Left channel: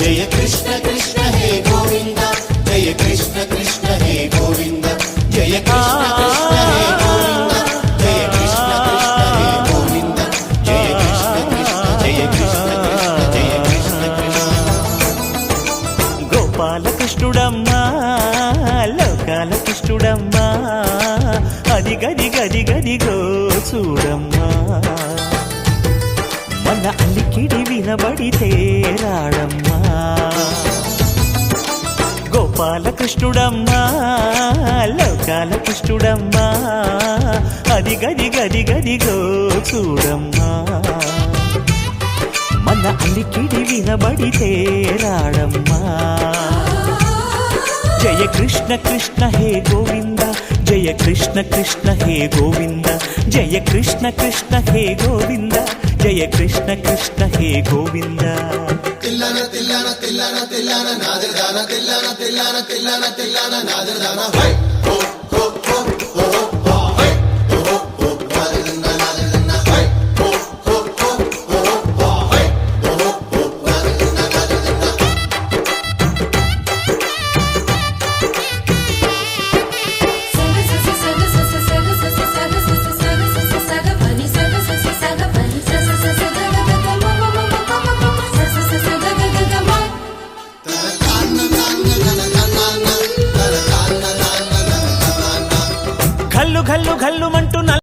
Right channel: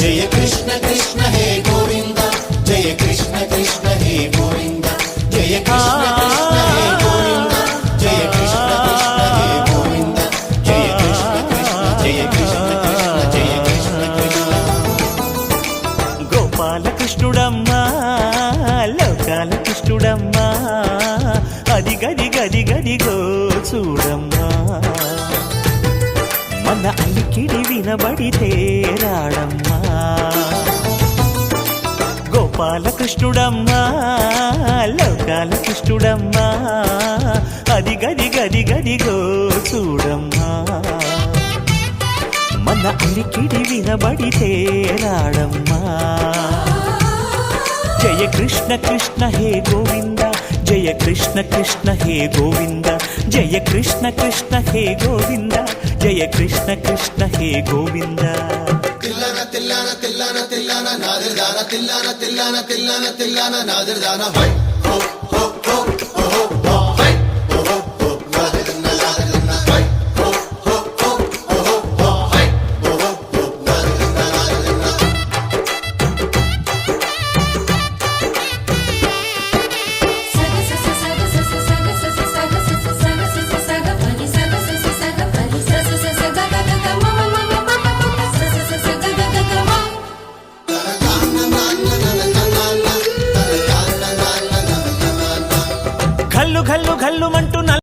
జయ కృష్ణ కృష్ణ హే గోవింద జయ కృష్ణ కృష్ణ హే గోవింద జయ కృష్ణ కృష్ణ హే గోవింద జయ కృష్ణ కృష్ణ హే గోవింద జయ కృష్ణ కృష్ణ జయ కృష్ణ కృష్ణ జయ కృష్ణ కృష్ణ. గోపాల కృష్ణుడమ్మా లోకాల కృష్ణుడమ్మా అది గది గది గదిగో చూడమ్మా మన అలికిడి వినబడితే రాడమ్మా గోపాల కృష్ణుడమ్మా లోకాల కృష్ణుడమ్మా అది గది గది గదిగో చూడమ్మా మన అలికిడి వినబడితే రాడమ్మా జయ కృష్ణ కృష్ణ హే గోవింద జయ కృష్ణ కృష్ణ హే గోవింద జయ కృష్ణ కృష్ణ హే గోవింద జయ కృష్ణ కృష్ణ హే గోవింద. తిల్లన తిల్లన తిల్లన తిల్లన నాదిర్దాన తిల్లన తిల్లన తిల్లన తిల్లన నాదిర్దాన హై హో హో హో హో హో హై హో హో హో నాదిర్దాన నాదిర్దాన హై హో హో హో హో హో హై హో హో హో నాదిర్దాన ఘల్లు ఘల్లు ఘల్లు